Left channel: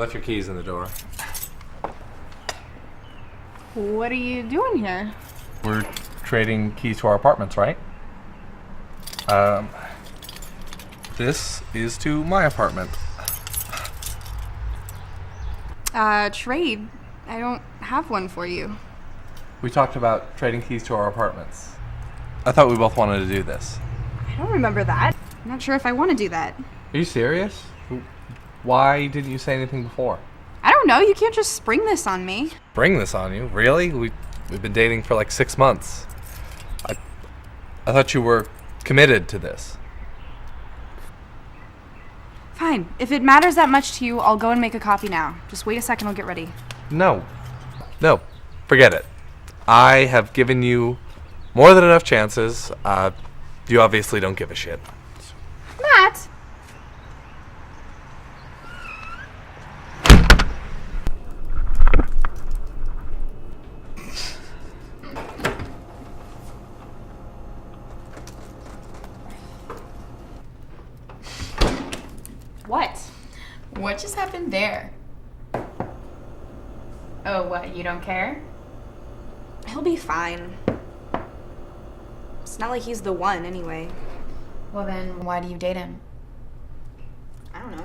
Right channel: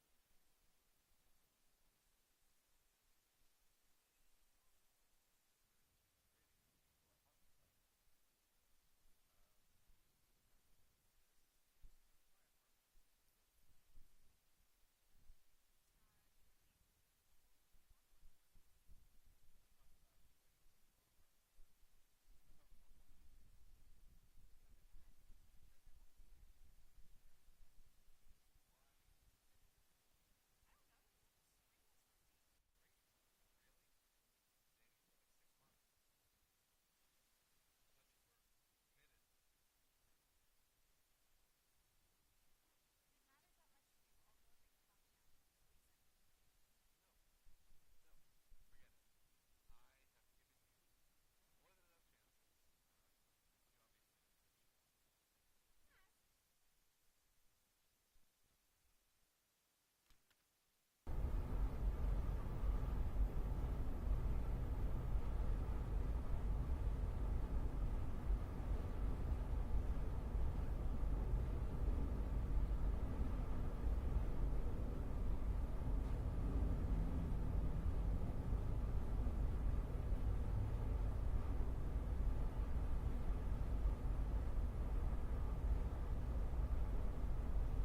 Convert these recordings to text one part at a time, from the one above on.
left your keys in the door. What are you doing here? We're trading keys to our apartments, right? This is to my apartment. Trade. I don't have one for you. We talked about trading keys to our apartments. I thought we both wanted to do this. I don't remember that. I'm not sure if I want to do that. Are you serious? Why didn't you say anything before? I don't know. You can't just spring this on me. Bring this on you? Really? We've been dating for like 6 months. I thought you were committed to this. Fine. If it matters that much to you, I'll go and make a copy now. Just wait a second, I'll get ready. No. Forget it. I have given you more than enough chances. You obviously don't give a shit. Matt! What? What just happened there? Oh, what, you don't care? He'll be fine. It's not like he's the one, anyway. Well then, why do you date him? I don't know.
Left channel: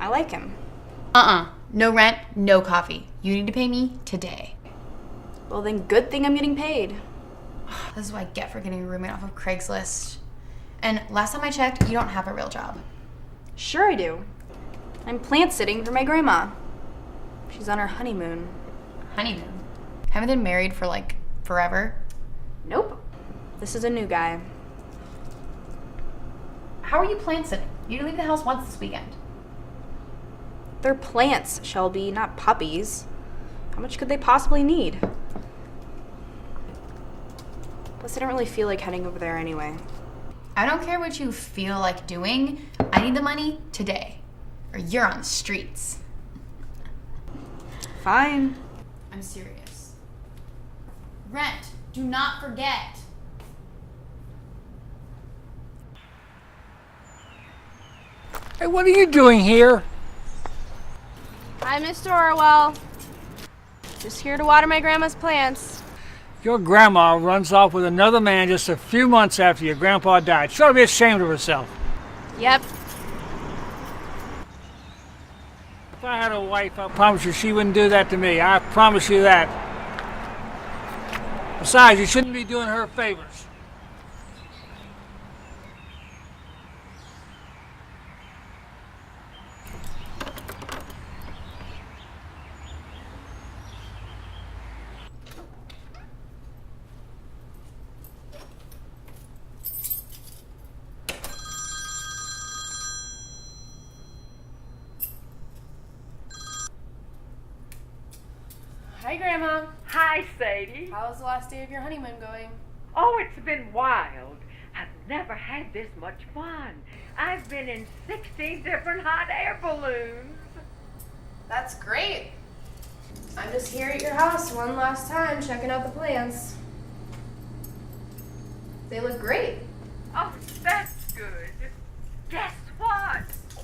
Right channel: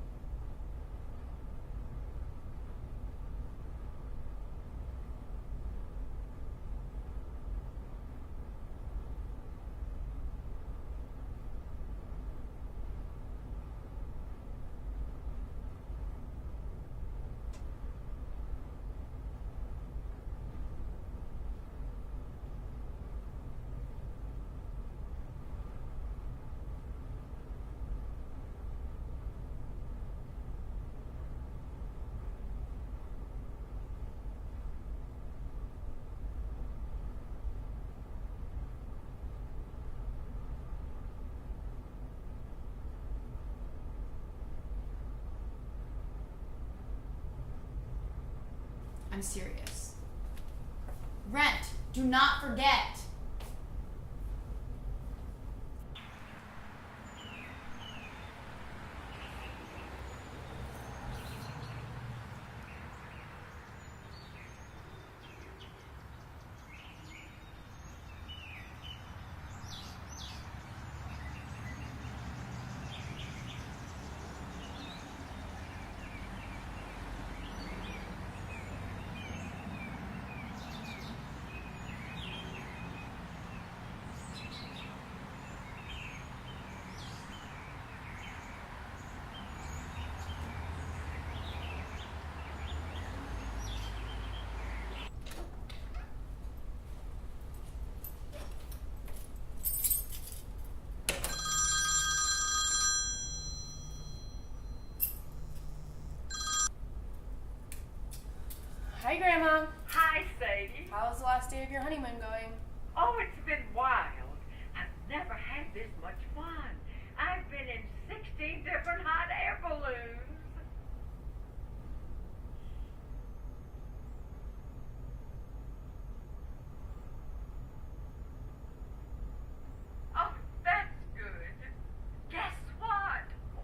I like him. No rent, no coffee. You need to pay me today. Well, then good thing I'm getting paid. This is what I get for getting a roommate off of Craigslist. And last time I checked, you don't have a real job. Sure I do. I'm plant sitting for my grandma. She's on her honeymoon. Honeymoon? Haven't been married for like forever? Nope. This is a new guy. How are you plant sitting? You didn't leave the house once this weekend. They're plants, Shelby, not puppies. How much could they possibly need? Plus, I don't really feel like heading over there anyway. I don't care what you feel like doing. I need the money today, or you're on the streets. Fine. I'm serious. Rent. Do not forget. Hey, what are you doing here? Hi, Mr. Orwell. Just here to water my grandma's plants. Your grandma runs off with another man just a few months after your grandpa died. She ought to be ashamed of herself. Yep. If I had a wife, I promise you she wouldn't do that to me. I promise you that. Besides, you shouldn't be doing her favors. Hi, Grandma. Hi, Sadie. How's the last day of your honeymoon going? Oh, it's been wild. I've never had this much fun. I've been in 16 different hot air balloons. That's great. I'm just here at your house one last time, checking out the plants. They look great. Oh, that's good. Guess what?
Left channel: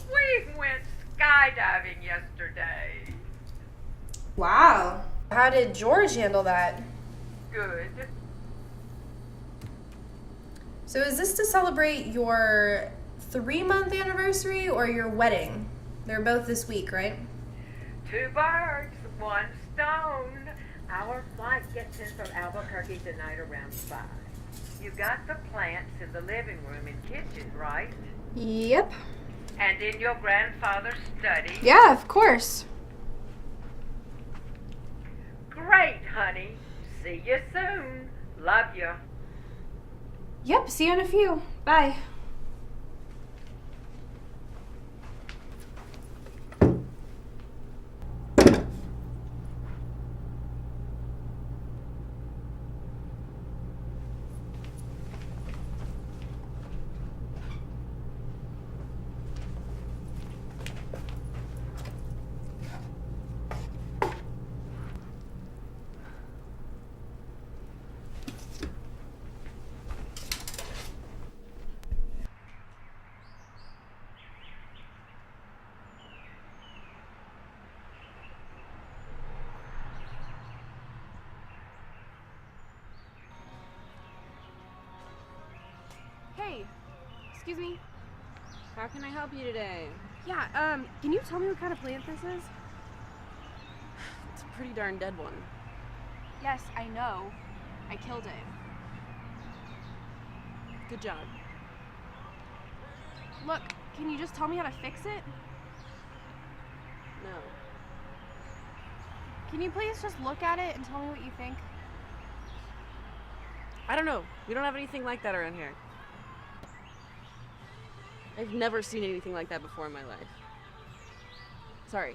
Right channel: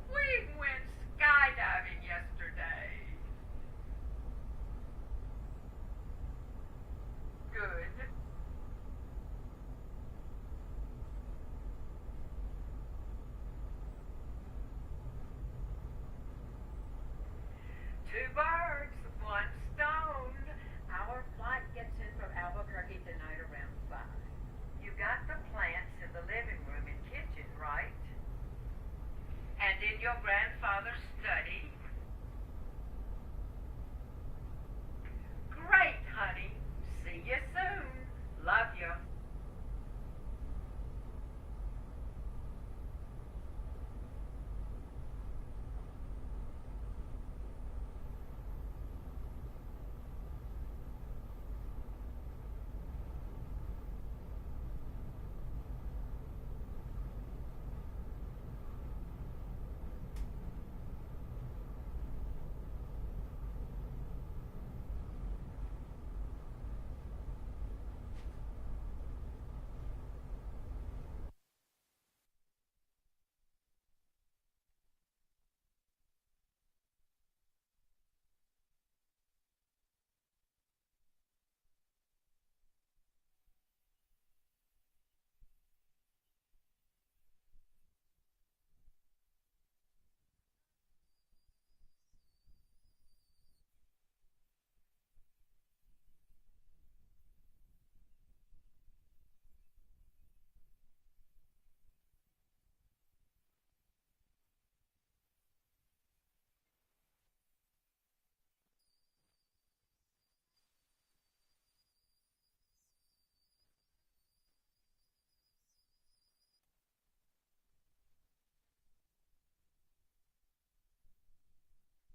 We went skydiving yesterday. Wow. How did George handle that? Good. So is this to celebrate your 3-month anniversary or your wedding? They're both this week, right? 2 birds, 1 stone. Our flight gets in from Albuquerque tonight around 5. You got the plants in the living room and kitchen, right? Yep. And in your grandfather's study? Yeah, of course. Great, honey. See you soon. Love you. Yep, see you in a few. Bye. Excuse me? How can I help you today? Yeah, can you tell me what kind of plant this is? It's a pretty darn dead one. Yes, I know. I killed it. Good job. Look, can you just tell me how to fix it? No. Can you please just look at it and tell me what you think? I don't know. We don't have anything like that around here. I've never seen anything like that before in my life. Sorry.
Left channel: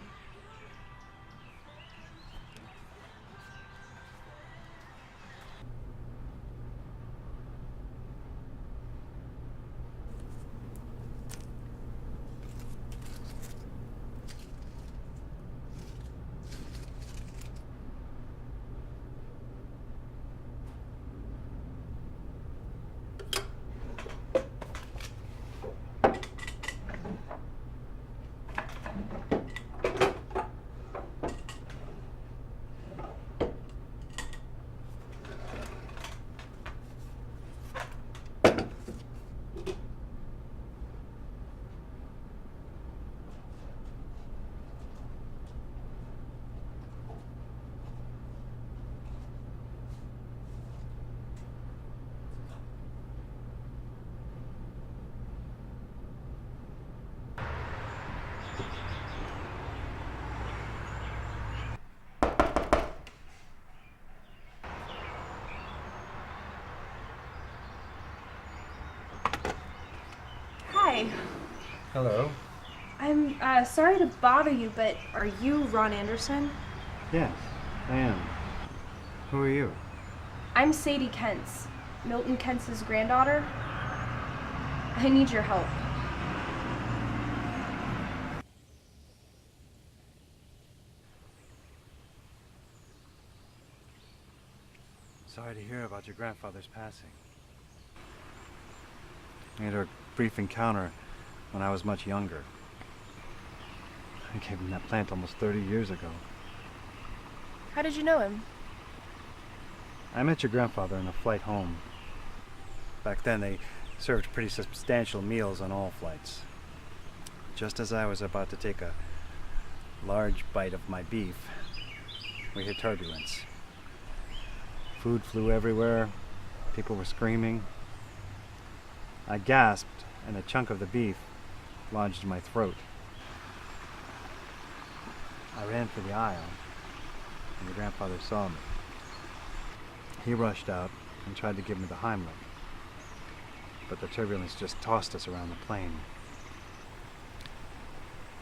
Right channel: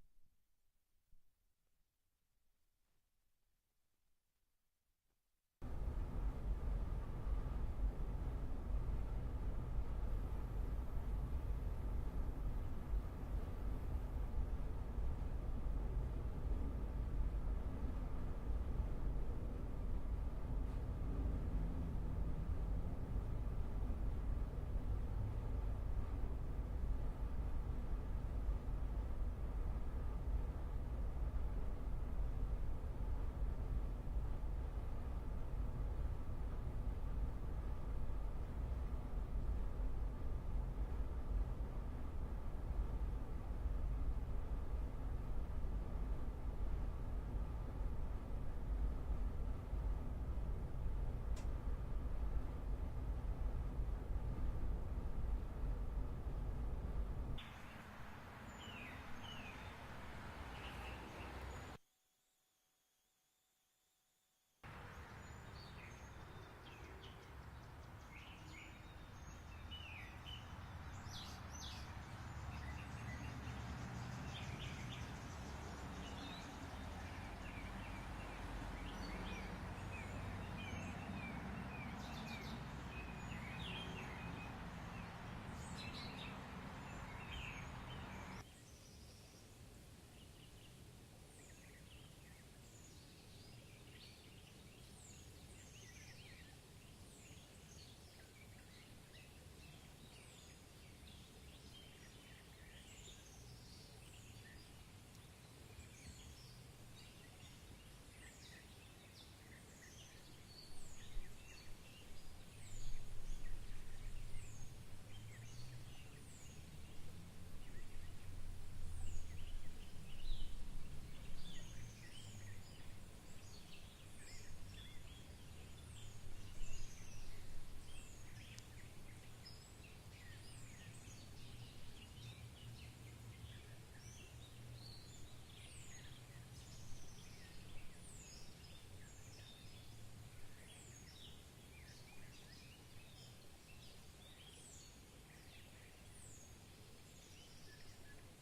Hi. Hello. I'm sorry to bother you, but are you Ron Anderson? Yes, I am. Who are you? I'm Sadie Kent's, Milton Kent's granddaughter. I need your help. Sorry to hear about your grandfather's passing. We had a brief encounter when I was much younger. I gave him that plant almost 30 years ago. How did you know him? I met your grandfather in a flight home. Back then, they served pretty substantial meals on all flights. Just as I was about to take a large bite of my beef, we hit turbulence. Food flew everywhere. People were screaming. I gasped, and a chunk of the beef lodged in my throat. I ran for the aisle, and your grandfather saw me. He rushed out and tried to give me the Heimlich, but the turbulence just tossed us around the plane.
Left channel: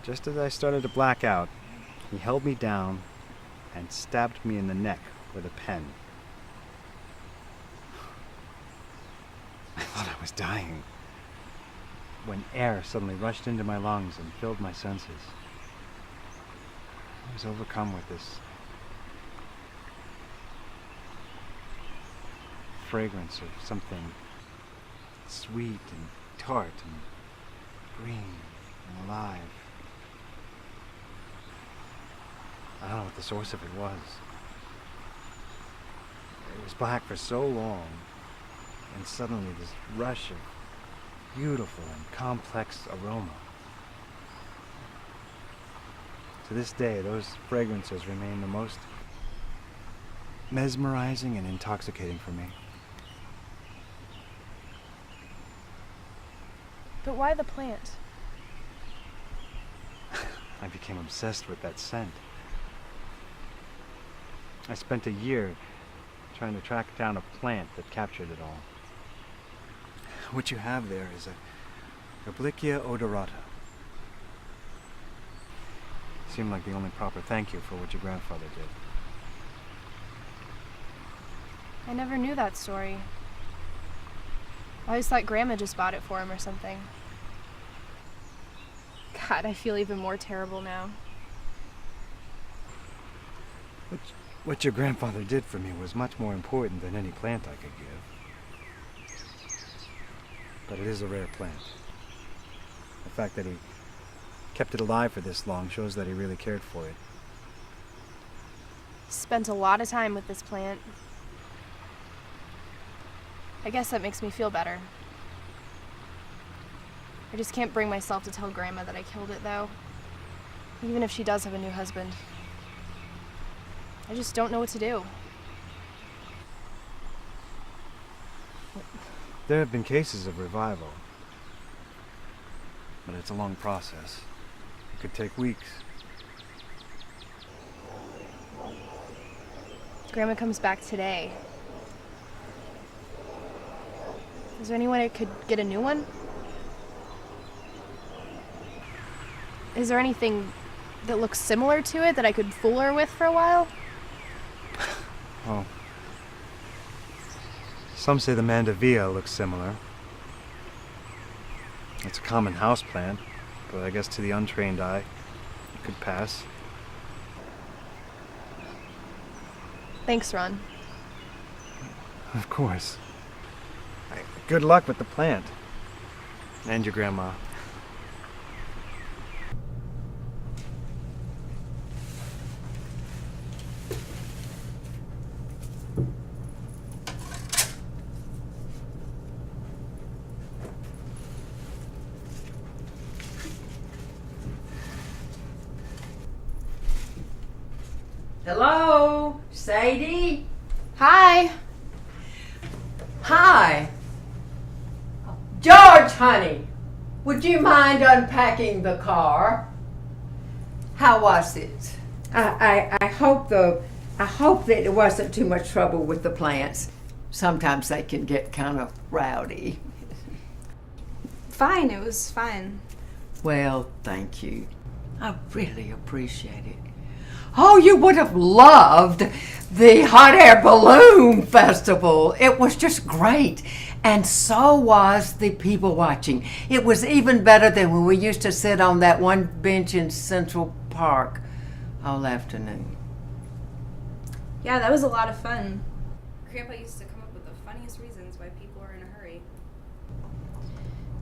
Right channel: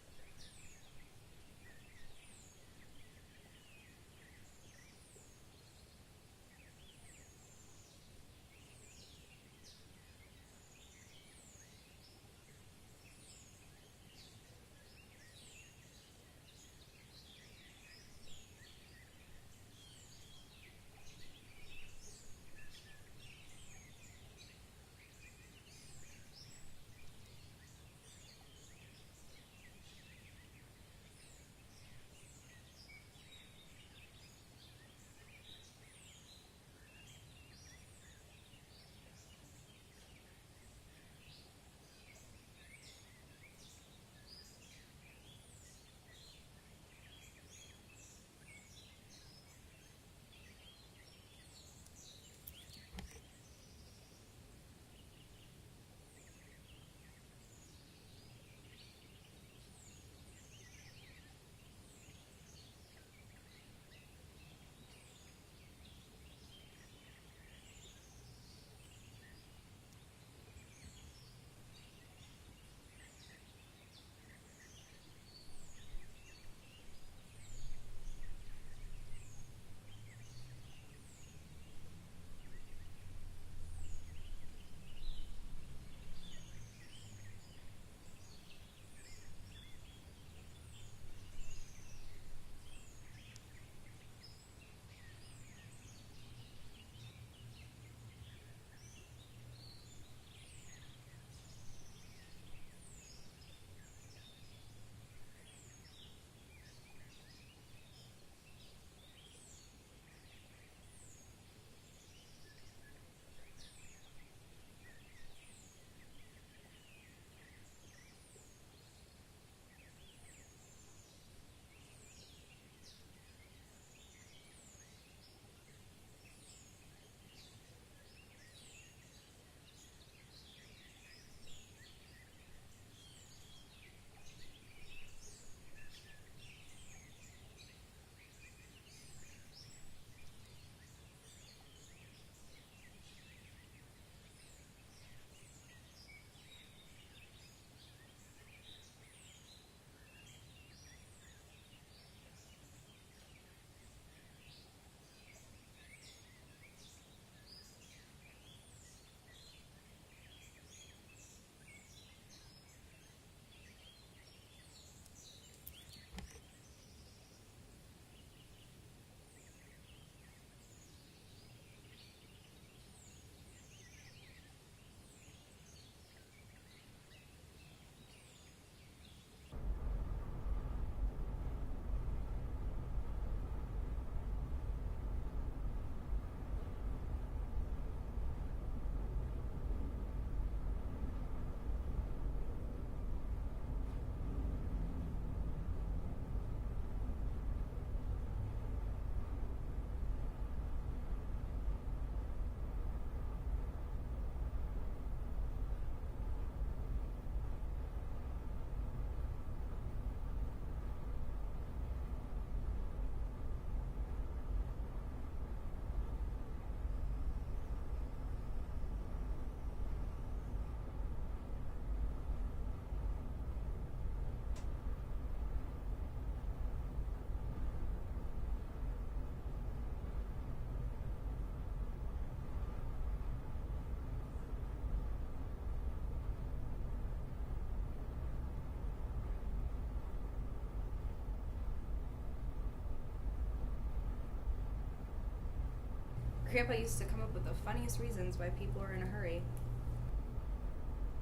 Just as I started to black out, he held me down and stabbed me in the neck with a pen. I thought I was dying, when air suddenly rushed into my lungs and filled my senses. I was overcome with this fragrance of something sweet and tart and green and alive. I don't know what the source of it was. It was black for so long, and suddenly this rush of beautiful and complex aroma. To this day, those fragrances remain the most mesmerizing and intoxicating for me. But why the plant? I became obsessed with that scent. I spent a year trying to track down a plant that captured it all. What you have there is a Obliquia odorata. Seemed like the only proper thank you for what your grandfather did. I never knew that story. I always thought Grandma just bought it for him or something. God, I feel even more terrible now. What your grandfather did for me was much more important than any plant I could give. But it is a rare plant. The fact that he kept it alive for this long shows that he really cared for it. Spent a lot of time with this plant. I guess that makes me feel better. I just can't bring myself to tell Grandma that I killed it, though. Even if she does have a new husband. I just don't know what to do. There have been cases of revival, but it's a long process. It could take weeks. Grandma comes back today. Is there any way I could get a new one? Is there anything that looks similar to it that I could fool her with for a while? Oh. Some say the mandevilla looks similar. It's a common house plant, but I guess to the untrained eye, it could pass. Thanks, Ron. Of course. Good luck with the plant. And your grandma. Hello, Sadie? Hi. Hi. George, honey, would you mind unpacking the car? How was it? I hope that it wasn't too much trouble with the plants. Sometimes they can get kind of rowdy. Fine, it was fine. Well, thank you. I really appreciate it. Oh, you would have loved the hot air balloon festival. It was just great. And so was the people watching. It was even better than when we used to sit on that one bench in Central Park all afternoon. Yeah, that was a lot of fun. Grandpa used to come up with the funniest reasons why people are in a hurry.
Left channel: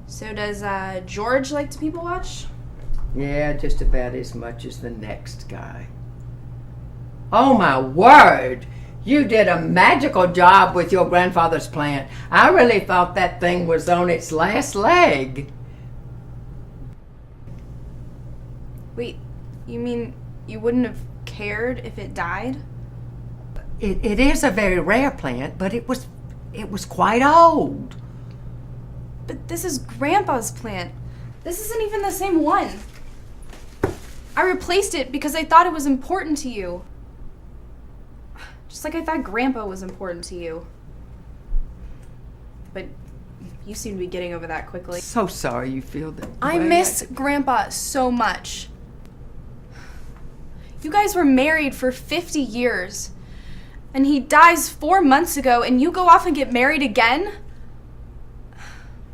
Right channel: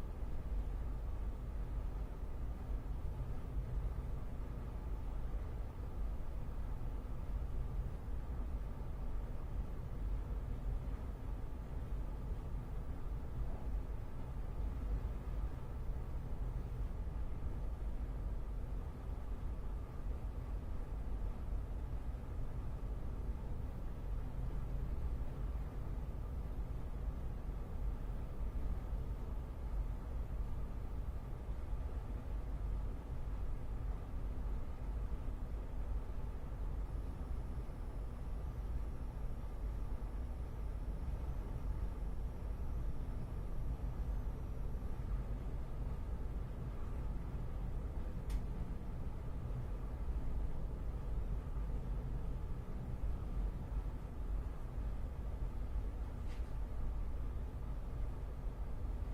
So does George like to people watch? Yeah, just about as much as the next guy. Oh my word! You did a magical job with your grandfather's plant. I really thought that thing was on its last leg. Wait, you mean you wouldn't have cared if it died? It is a very rare plant, but it was quite old. But this is Grandpa's plant. This isn't even the same one. I replaced it because I thought it was important to you. Just like I thought Grandpa was important to you. But you seem to be getting over that quickly. So sorry you feel that I way. miss Grandpa so much. You guys were married for 50 years. And he dies 4 months ago and you go off and get married again?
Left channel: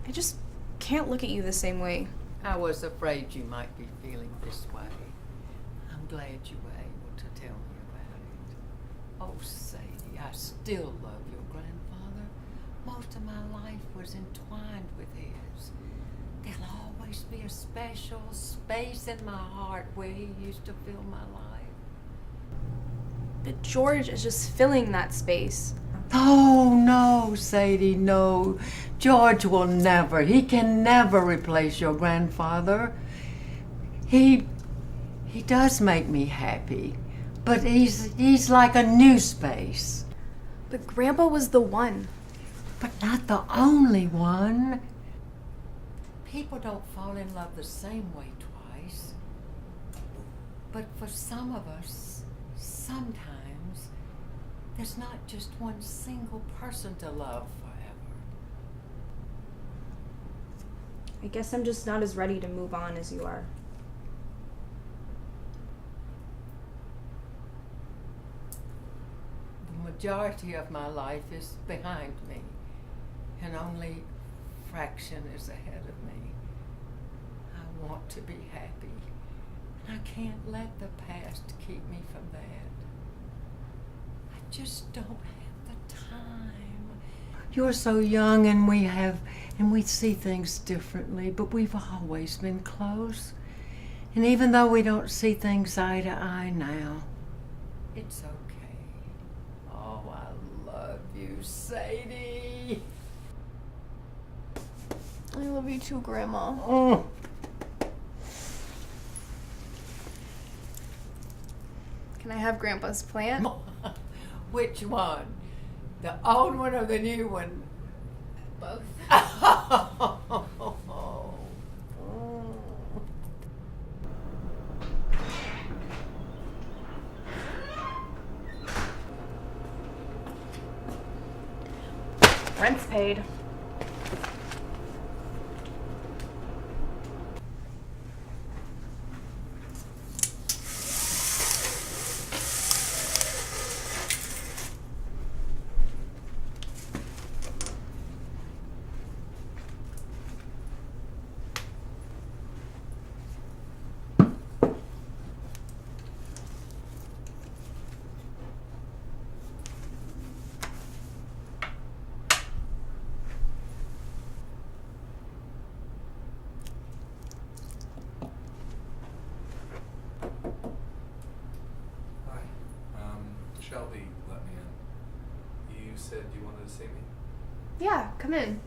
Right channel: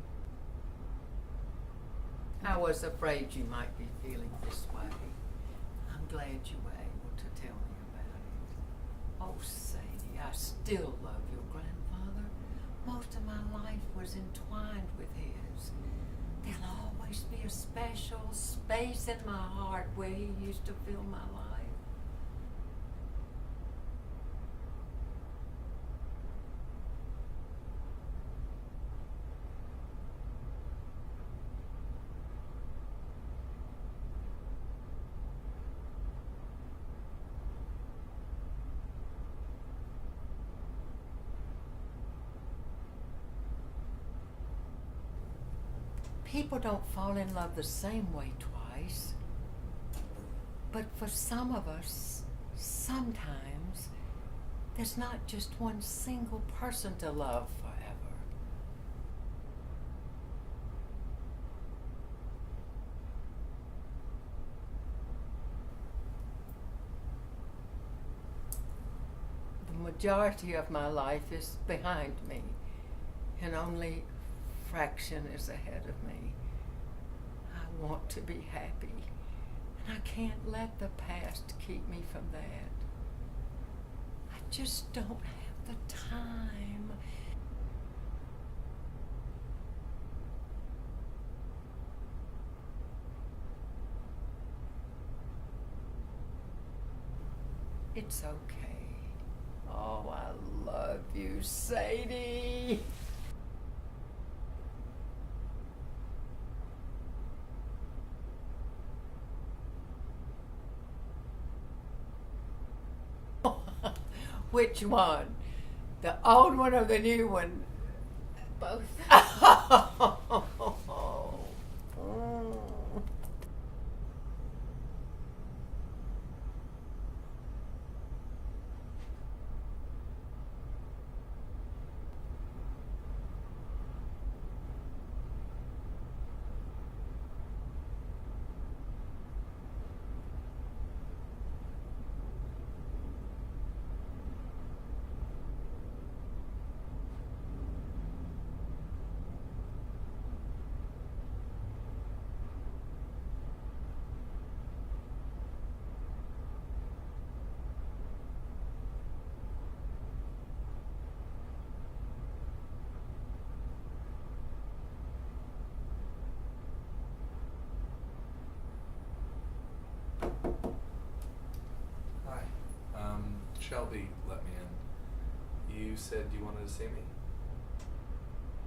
I just can't look at you the same way. I was afraid you might be feeling this way. I'm glad you were able to tell me about it. Oh, Sadie, I still love your grandfather. Most of my life was entwined with his. There'll always be a special space in my heart where he used to fill my life. But George is just filling that space. Oh, no, Sadie, no. George will never, he can never replace your grandfather. He does make me happy, but he's like a new space. But Grandpa was the one. But not the only one. People don't fall in love the same way twice. But for some of us, sometimes there's not just one single person to love forever. I guess I'm just not as ready to move on as you are. The majority of my life is behind me, and only a fraction is ahead of me. I want to be happy, and I can't let the past keep me from that. I just don't have the time. You're so young, and we see things differently, but we've always been close. And even though we don't see things eye to eye now, it's okay. Oh, I love you, Sadie. I love you too, Grandma. Can I have Grandpa's plant? Which one? The old one or the new one? Both. Rent's paid. Hi. Shelby let me in. You said you wanted to see me? Yeah, come in.